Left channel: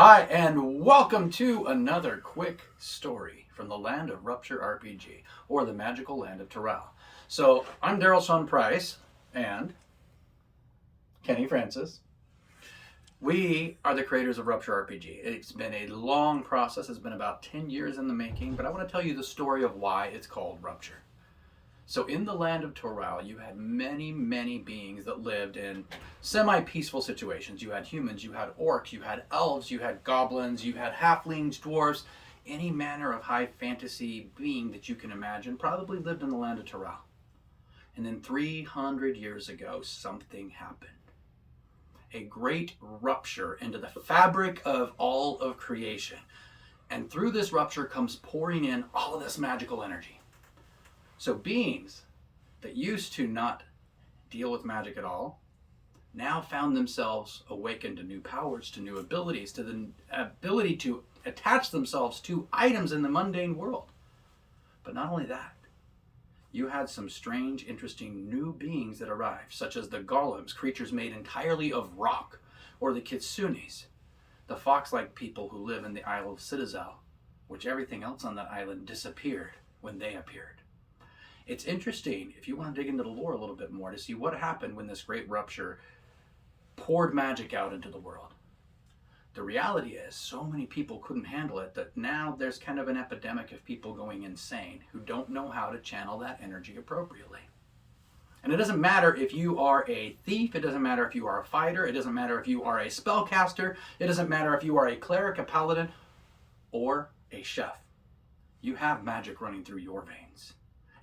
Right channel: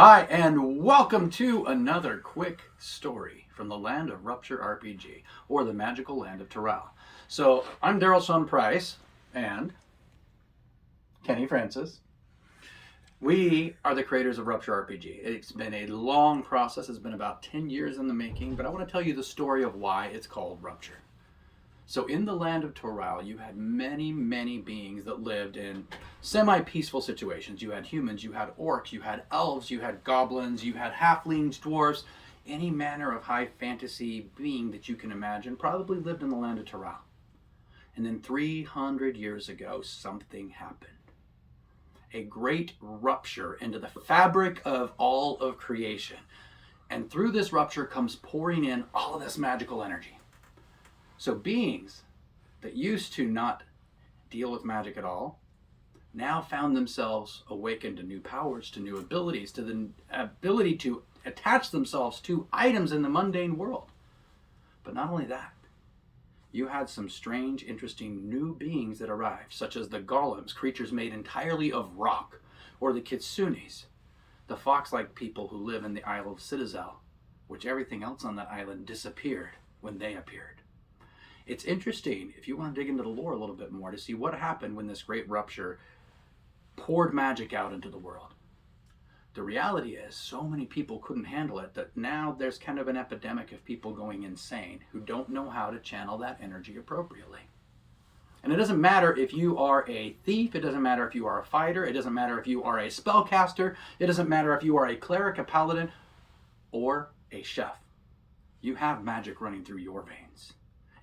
Hi, and welcome to another quick story from the land of Rupture RPG, or the magical land of Terral. So, I'm Daryl Sean Price, and Kenny Francis. We are the creators of Rupture RPG. It's been a long process, it's been about 10 years in the making, but I want to tell you the story of why it's called Rupture. So in the land of Terral, you had many beings that lived in semi-peaceful situations. You had humans, you had orcs, you had elves, you had goblins, you had halflings, dwarves, any manner of high fantasy being that you can imagine probably lived in the land of Terral. And then 300 years ago, something happened. A great rupture into the fabric of all of creation. And through this rupture comes pouring in all of this magical energy. So beings that used to not deal with magic at all now found themselves awakened to new powers, to new abilities, to the ability to attach themselves to items in the mundane world. But not only that, you had some strange, interesting new beings that arrived, such as the golems, creatures made entirely of rock, or the kitsunes, the fox-like people who live in the Isle of Citadel, which everything else on that island disappeared when they appeared. It's interesting, if you want to dig into the lore a little bit more, to see what happened when this great rupture poured magic out into the world. The reality is, so many people couldn't handle it that now there's kind of an epidemic of people going insane who don't know how to channel that energy appropriately. And it doesn't matter if you are a thief, it doesn't matter if you are a fighter, it doesn't matter if you are a spellcaster, it doesn't matter if you are a cleric, a paladin, or a chef. You have magic running through your veins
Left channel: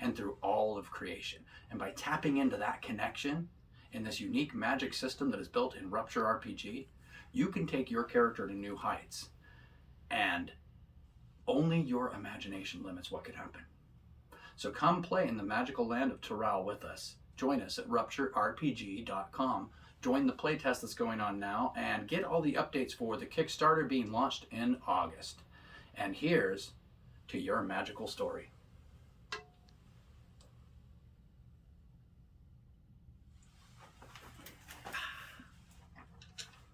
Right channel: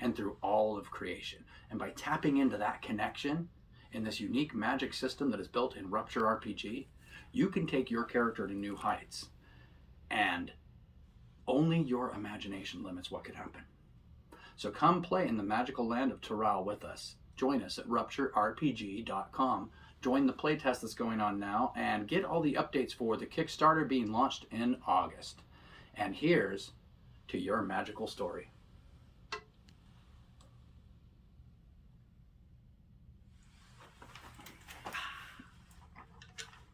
and through all of creation. And by tapping into that connection in this unique magic system that is built in Rupture RPG, you can take your character to new heights. And only your imagination limits what could happen. So come play in the magical land of Terral with us. Join us at rupturerpg.com. Join the playtest that's going on now and get all the updates for the Kickstarter being launched in August. And here's to your magical story.